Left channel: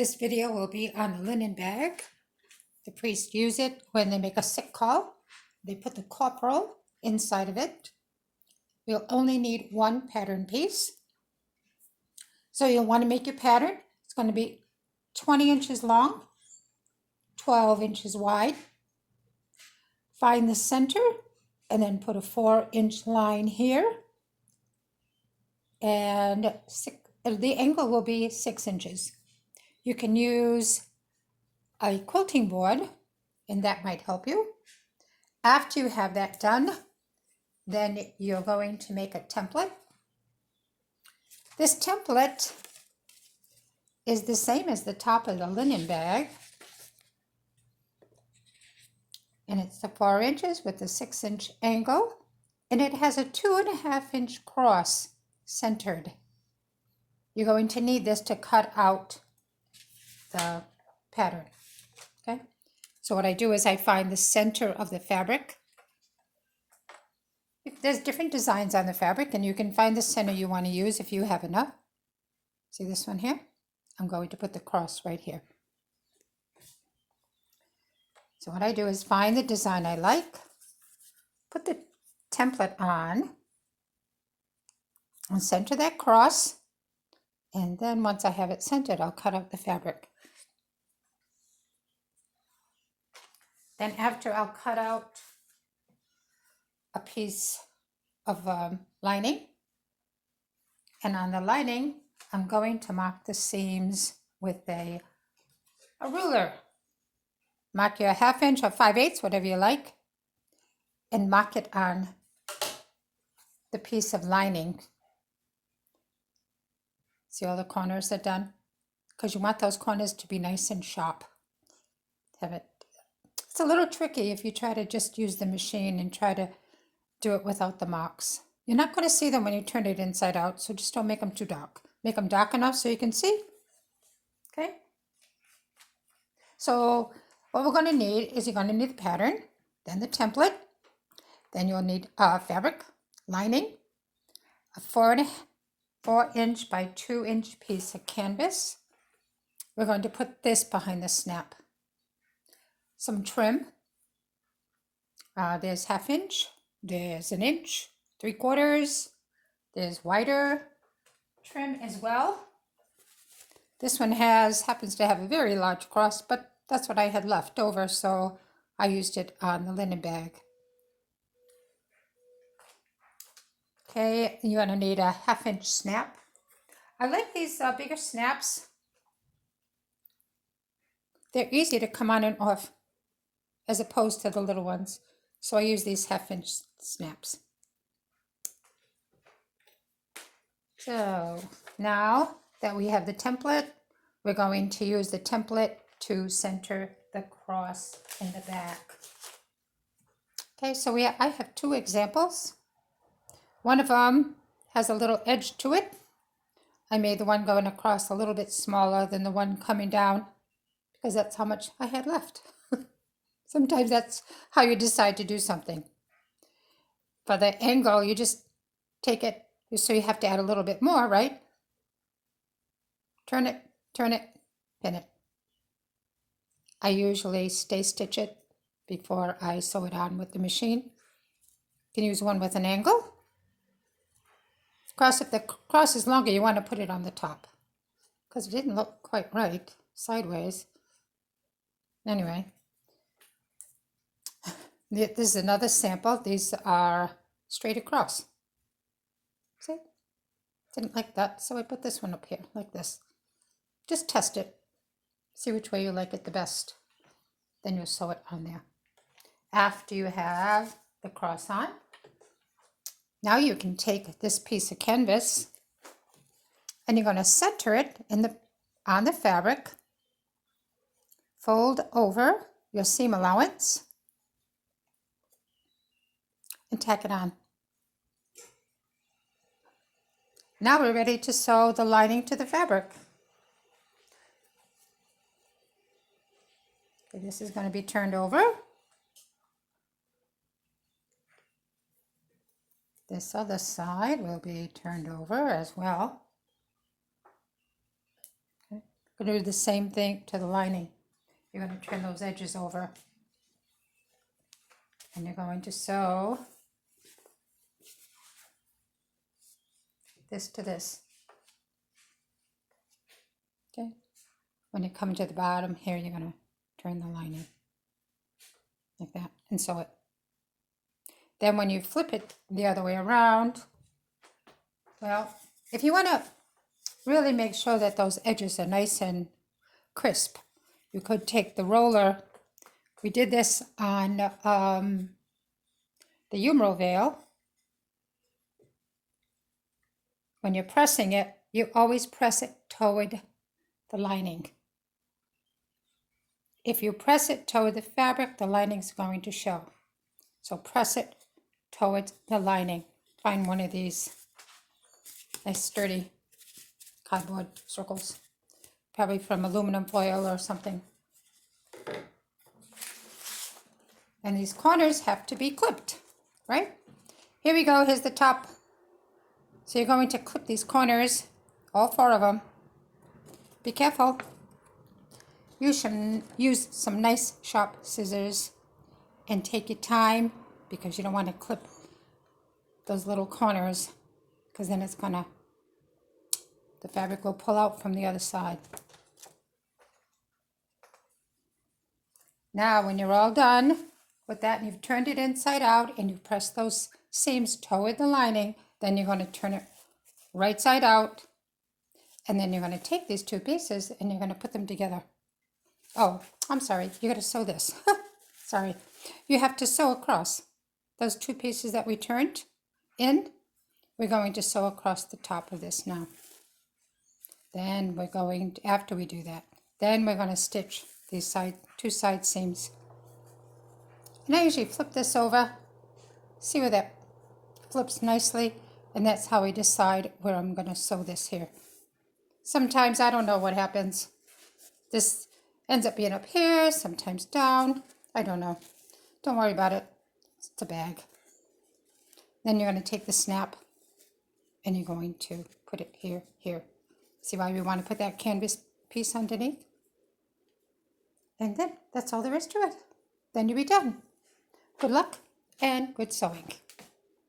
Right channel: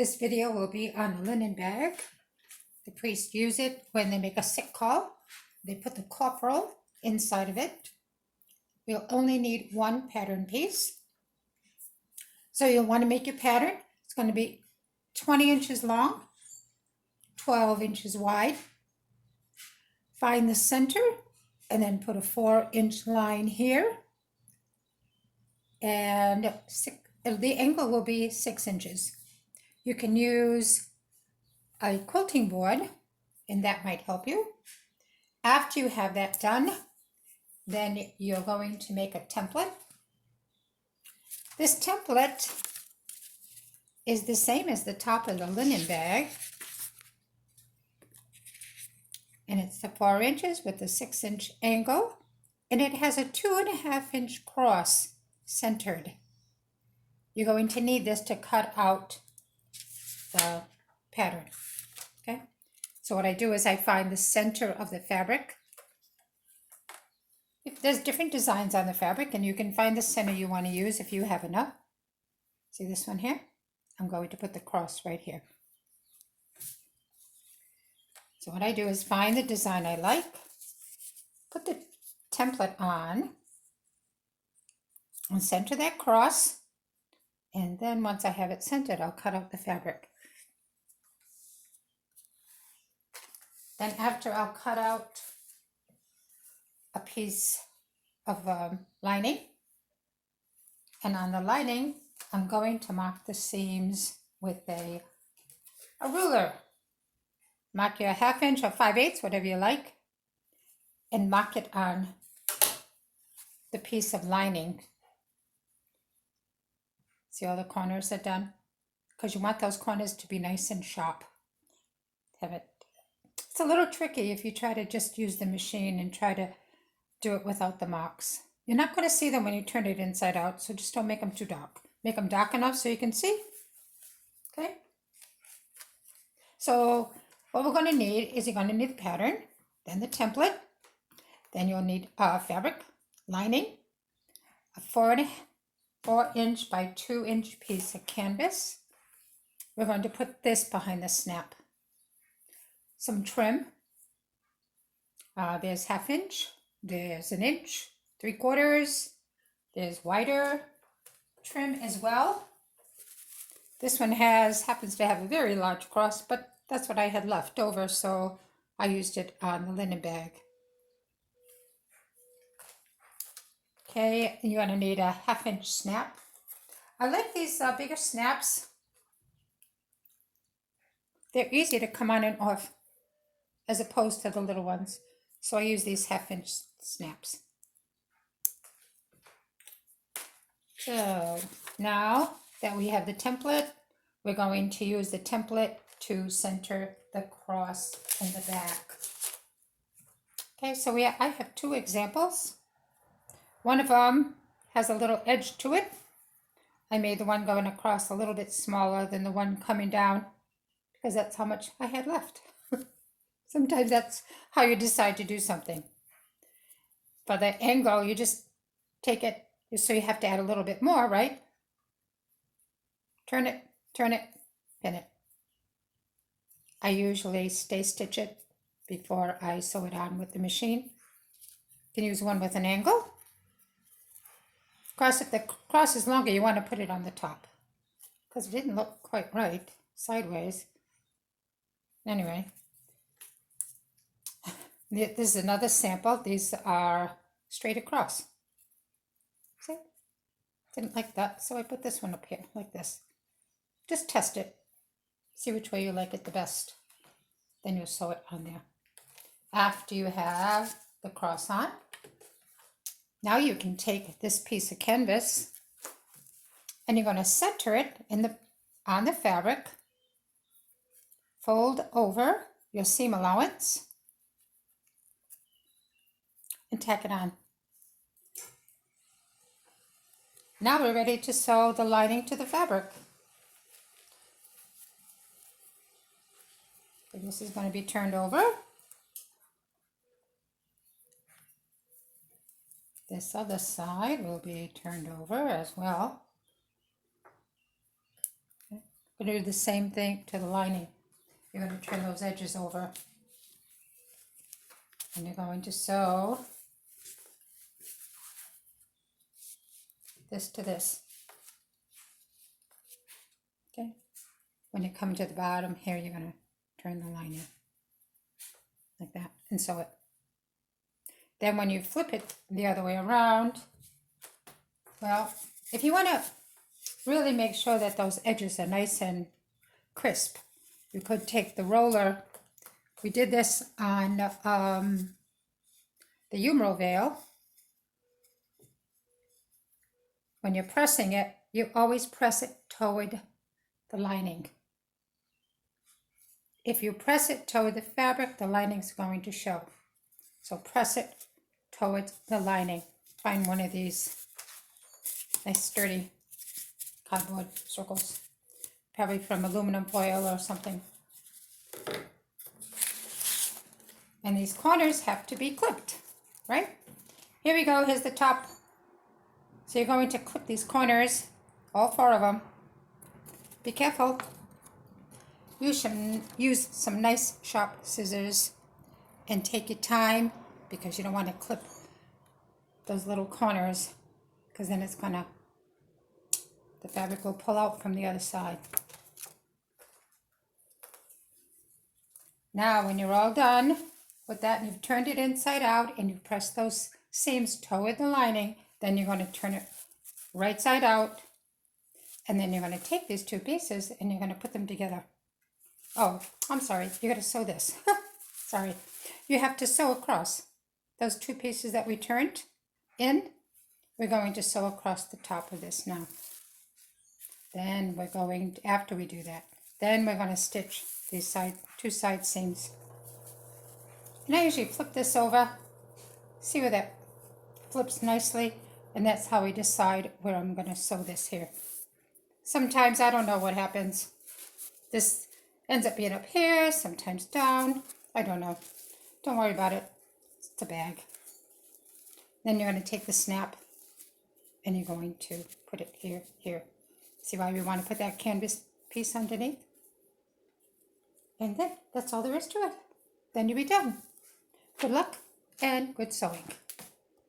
This video will be on the linen bag. The priests use it when they make a sick call. They put the corporal inside of it. We'll only need one pattern piece. So you'll want to make your pattern. It's going to be 20 inches long, 12 inches wide. Find the center and then put a 4-inch line here. And the angle will be 6 inches. You can use a quilting board, and that might help you. After you have that done, then you're going to make a template. This template is the same as the top of the linen bag, and it's the 4 inches with the 6-inch angle, and it has a 2.5-inch cross centered. You're going to need this to cut out the pattern. Okay, so what I do is I find the center of the fabric. There's different designs on the fabric, and you can find the center you want to use if you have enough. See this one here? I'm going to put the cross right here. So what I do is find the design I like, put the template on, and center that cross, and then once I have it centered, I'll cut out the fabric. Then after, I'll cut out a piece of lining, and on the lining, I'm going to mark the seams with a ruler. Mark your 1/2 inch or 5/8, whatever you like, and mark it on the piece of lining. See all the corners are done? Because you want those corners to be nice and sharp. Have it. It's a little tricky if you try to just use the machine and try to do it without the marks. You're not going to see them when you turn it inside out, so just don't make them too dark. Make them dark enough so you can see. Okay? So what we're going to need is you're going to need the pattern, then the template, then you'll need fabric, lining, a 4-inch by 2-inch piece of canvas. We're going to put this behind the snap. Some trim. There's 1/2 inch, there's 1 inch, 3/4, there's wider trim as well. This one happens to have a very large cross, but that's what I had left over, so I used it on the linen bag. Okay, you're going to need a 1/2 inch snap. I like these bigger snaps. They're easy to come on and off as opposed to the little ones. So I use these 1/2 inch snaps. So now that we have the template, we're going to use the template to center the cross in the back. Okay, so I have 2 examples. One of them has a little edge to it. I made the one going across a little bit smaller than the one coming down because that's how much I had left. Sometimes that's how you decide to do something. For the angle, you just take it, so you have to add a little bit more, right? Turn it, pin it. I usually stay stitch it before I sew it on with the machine. You can use one with an angle. Of course, if the cross is longer, you want to put it on the top because it didn't look quite right sideways. Anyway, this is another sample. These are straight across. See? Didn't like that, so I put this one up here like this. Just test it. See which way you like it the best. Then you'll sew it on there. After you have the cross on, now you can take this piece of canvas and you're going to center it on the fabric. Fold over your seam allowance and tack it on. Now we're ready to sew the lining to the fabric. Okay, this is going to be turned over. This other side will be turned over as well. Okay, We're going to do the same thing to the lining. You're going to turn those edges over. And you're going to sew this to this. Okay? When you come to the bottom here, you're going to turn the lining like that and sew it. Then when you flip it the other way around, well, if you want to really make sure that those edges are nice and crisp, you could take the roller. We did this on the humeral veil. When you're pressing it, you always press it toward the lining. If you press it toward the fabric, the lining's going to show. So press it towards the lining. Find one of these nice sturdy cardboard circles, probably from aluminum foil or something. And these corners have to be clipped, right? Here we go, here's the top. So you're going to clip these corners, all 4 of them. Be careful. You should use some nice sharp scissors and take your time, because you don't want to clip those little corners, because then it's gonna, the fabric will pull out from the other side. Now when you're all done with that and you've turned it inside out and you press those seams toward the lining, then you're going to turn it right side out, and then you're going to take these 2 pieces and you're going to put them together. Oh, I'm sorry, you're going to sew this. Sorry. You have to sew across those 2 pieces that we turned in. We're going to sew across the top of this now. Then we're going to, after we do that, then we're going to stitch these 2 side seams. And I usually flip this over, see where that flips nicely, and that's how we decide where I'm going to sew this here. Sometimes I don't know what happens. This ends up being up here, sometimes down. I don't know. Don't worry about it. It's a bag. Then you're going to take the snap and you're going to put it here, here. See why we want to put that canvas piece underneath? And then that's all there is to it. Then you'll be done. Good luck and good sewing.